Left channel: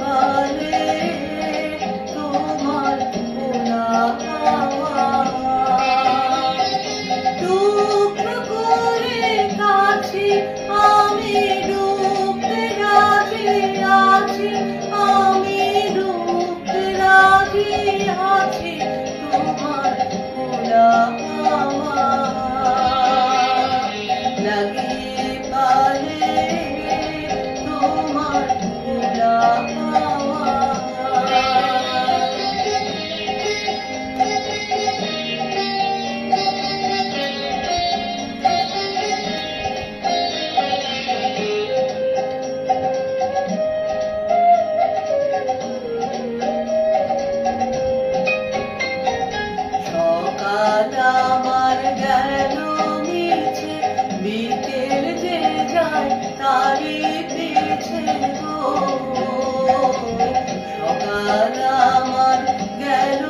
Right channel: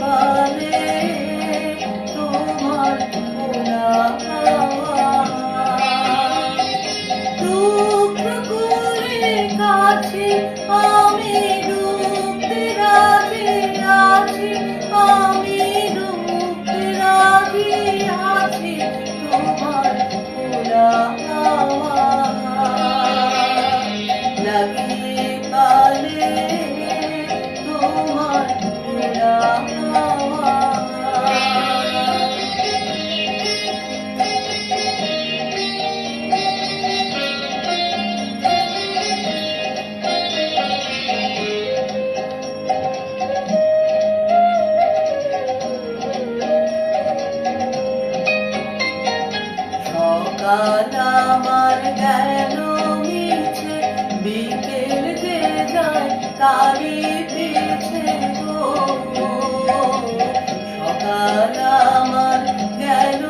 পালে তোমার ভোলা হাওয়া টুকরো করে কাছে আমি ডুবতে রাজি আছি আমি ডুবতে রাজি আছি তোমার ভোলা হাওয়া লাগিয়ে পালে তোমার ভোলা হাওয়া সকাল আমার গেল মিছে বিকেল যে যায় তারি পিছে গো সকাল আমার গেল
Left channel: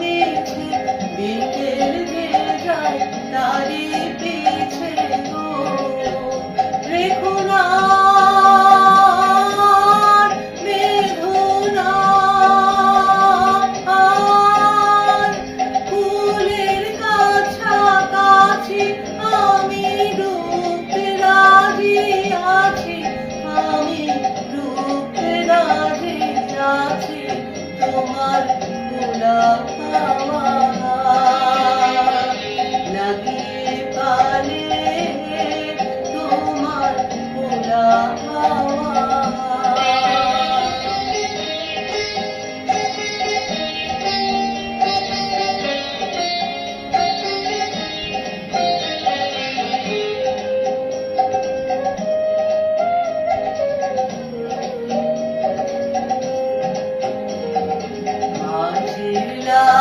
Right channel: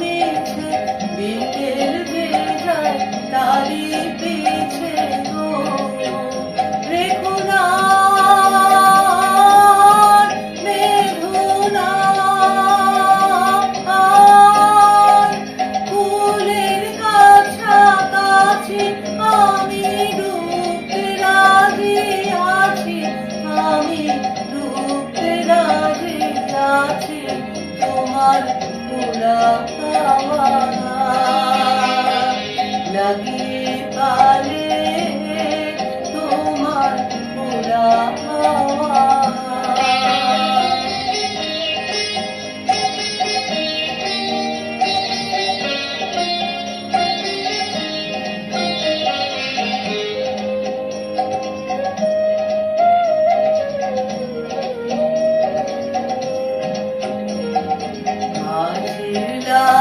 মিছে বিকেল যে যায় তারি পিছে গো রেখো না আমি ডুবতে রাজি আছি আমি ডুবতে রাজি আছি তোমার ভোলা হাওয়া লাগিয়ে পালে তোমার ভোলা হাওয়া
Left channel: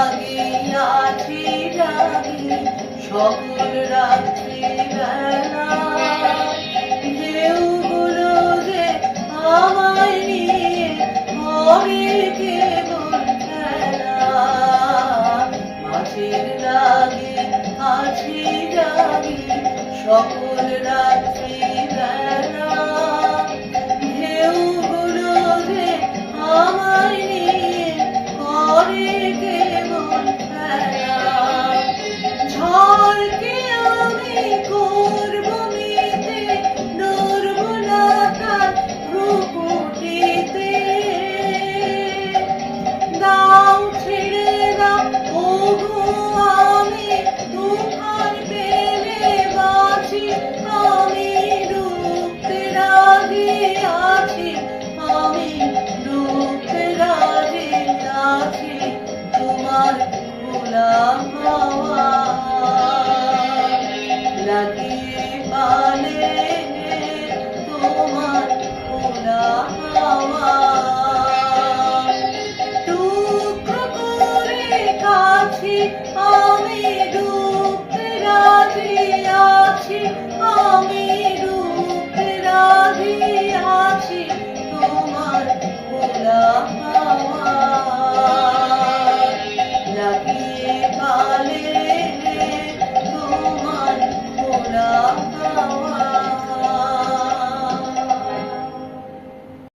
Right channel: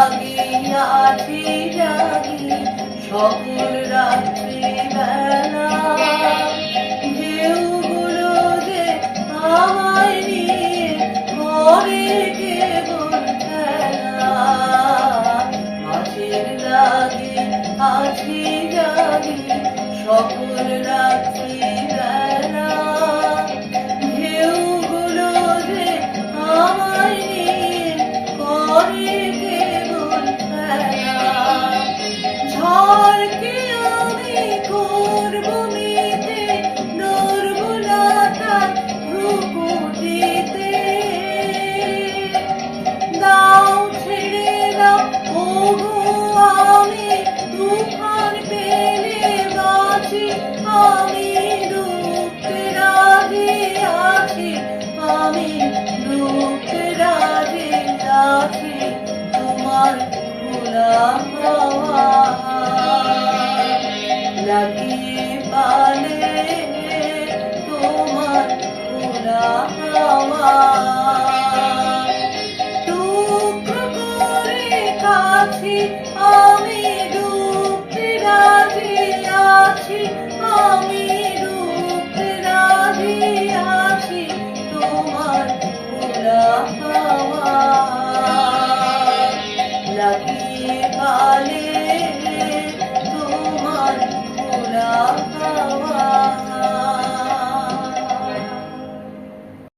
লাগিয়াছি জাগি সকল রাত্রি বেলা